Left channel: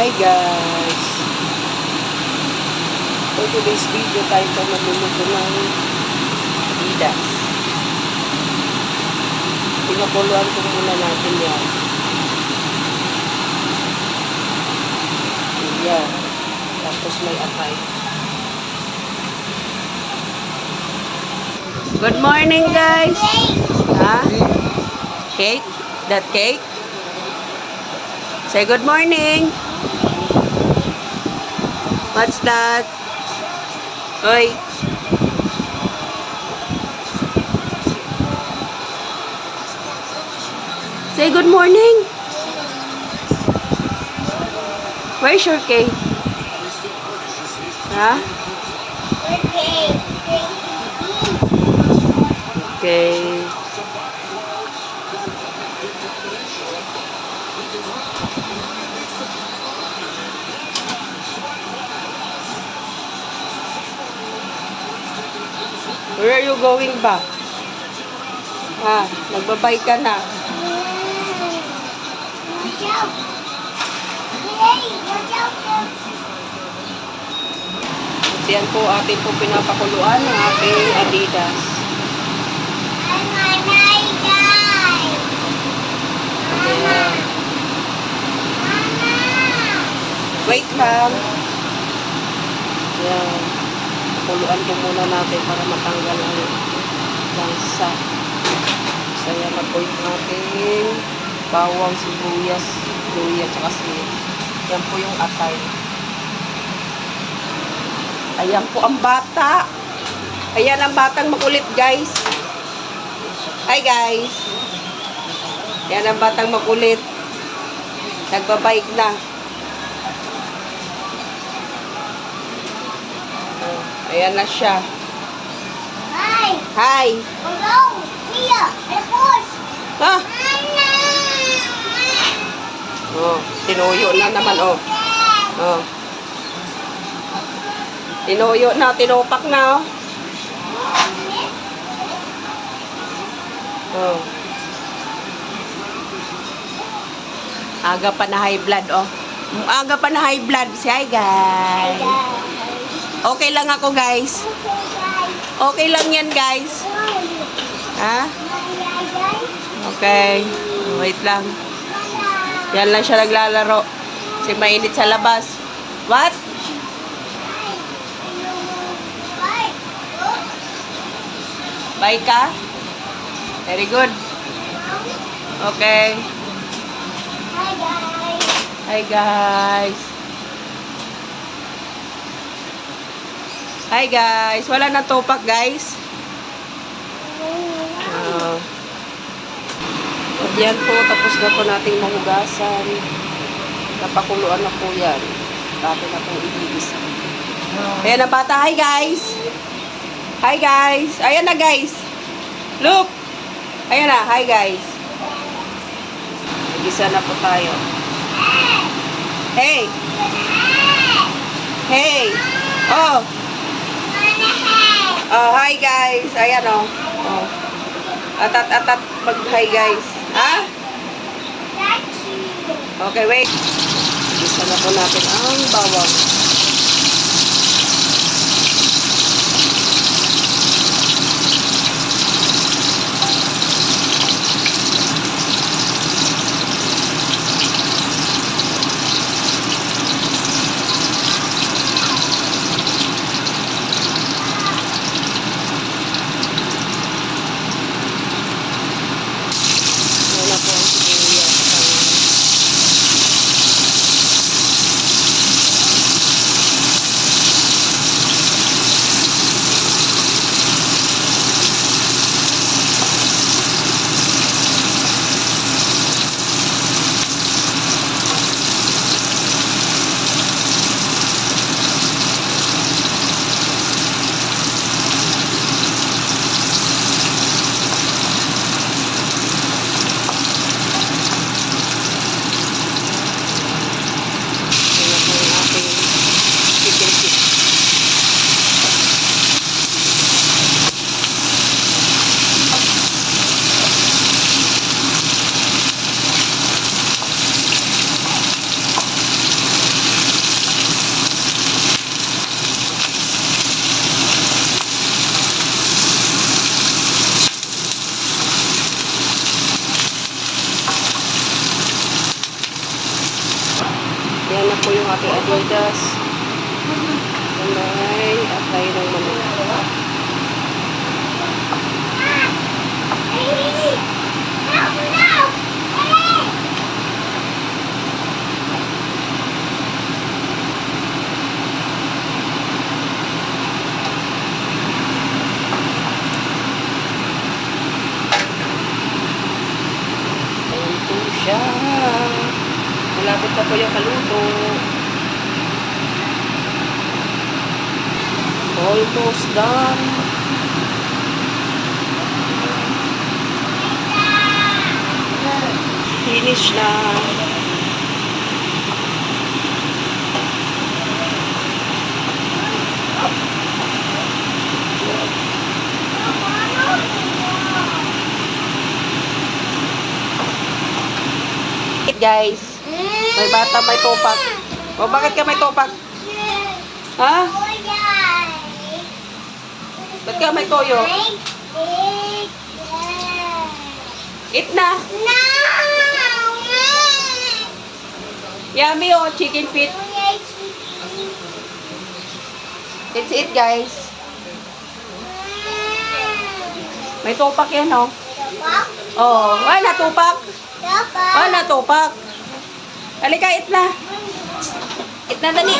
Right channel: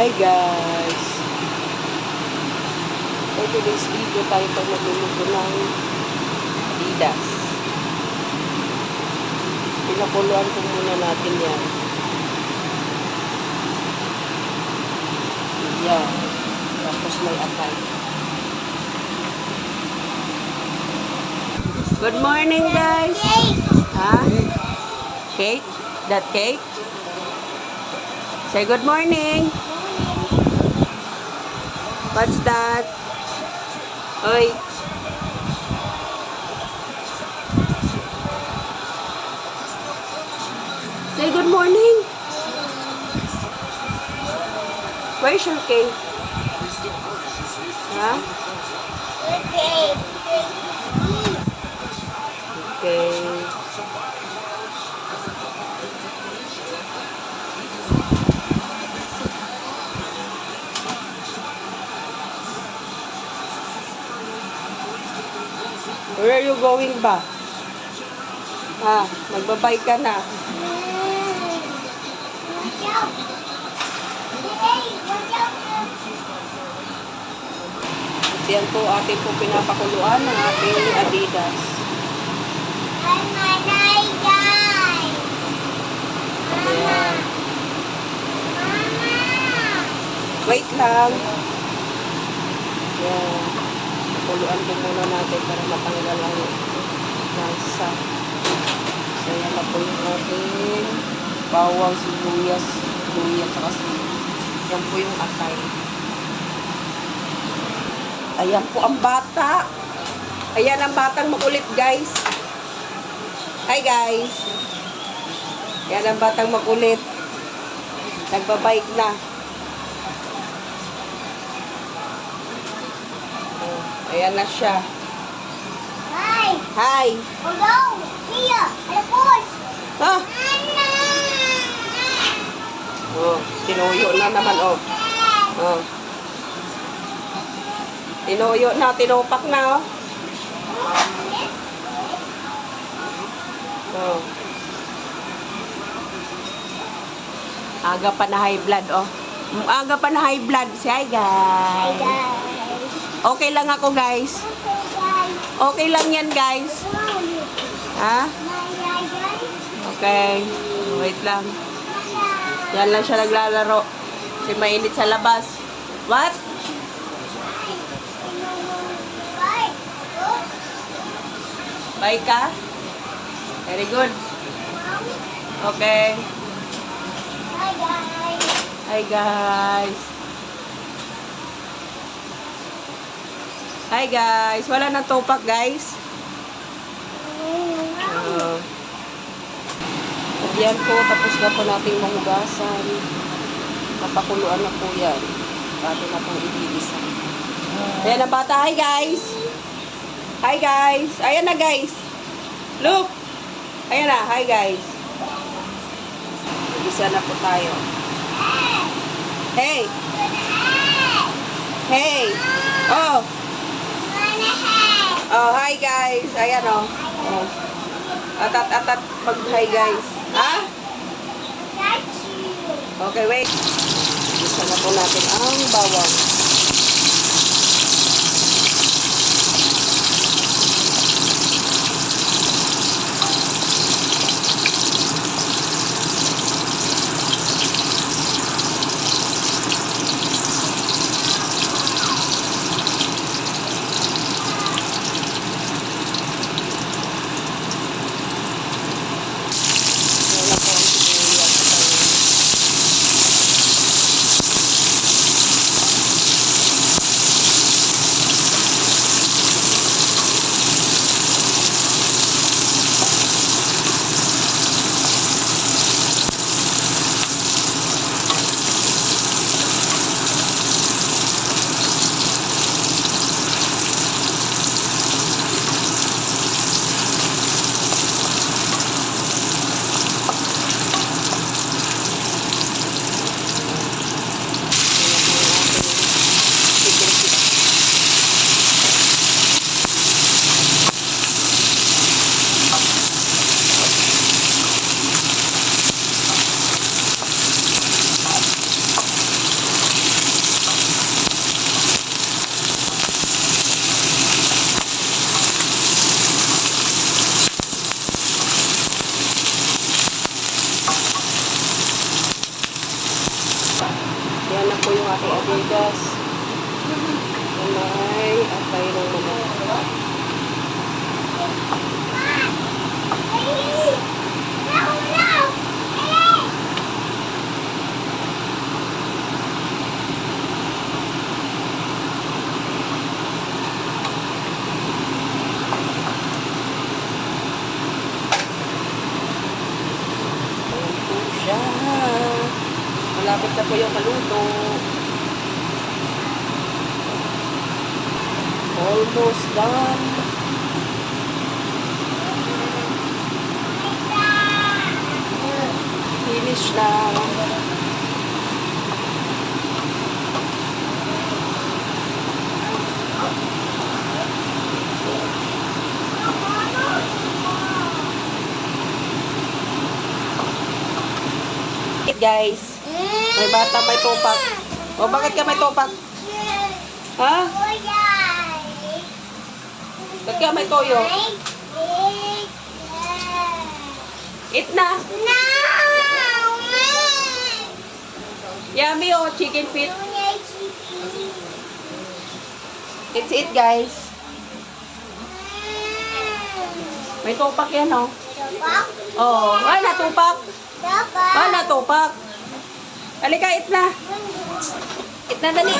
Hi guys! For today's video tayo pa magluluto ng Adidas. Pinakuluan ko muna natin yan. Yan. Tapos may atay. Good morning guys! Ha? Cake? That cake? Say good morning! What's that? Hoy. Say good morning. Where's your cake? Huh? Okay. Where are you going ba? Ha? Nagbabay ka na. Yan po ating po pinapakuluan ng ating Adidas. Ayan. Wait lang. Yan. Pakuluan po muna natin para matanggal ang lansa. So, yan na po yung ating bawang, sibuyas, luya, saka yan po yung atay. Ayan po ang bata. Ayan ang batang makulit, guys. Hi, guys. Ayan ang batang makulit. Nagbabike na. Ayan na siya. Hi. Hi. Hello. Mia. Alapos. Ha? Oh, tinuyo na naman, oh. Oh. Tinuyo na, tinupak na, oh. Oh. Aga pa na high blood, oh. Aga pa na high blood. Say hi, guys. Okay lang ako, guys. Okay lang yan, guys. Ha? Okay. Wait lang. Yan lang siya naglalaro. Kasi mainit sa labas. What? Bye ka? Very good. Okay. Hi, guys. Hi, guys. Hi, guys. Wala na topak, guys. Yan po, tapos na po nating mahugasan. Napakuluan na po yan. Dati na pong ibigisa. Ayan ang bata. Hi, guys. Hi, guys. Ayan na, guys. Look. Ayan na. Hi, guys. Ibigisa na po tayo. Hey. Hey. Oh. Oh, hi, guys. Ayan, oh. Oh. Atat-atat pag-hi, guys. Ha? Okay, wait. Isa na po natin ang bawang. Wala po ang sibuyas. Yan na po yung ating Adidas. May atay ng manok. Ayan po siya. Malapit na po yung kaluto. Almost done. Finish na. Guys, may bata may topak. O bakit ka may topak? Ha? Ba't ka may toyo? Eat na. Yummy oh, chicken feet. Let's eat guys. May topak yan oh. Oh, wala tupak. Wala tupak. Halika, eat na. Eat na dali.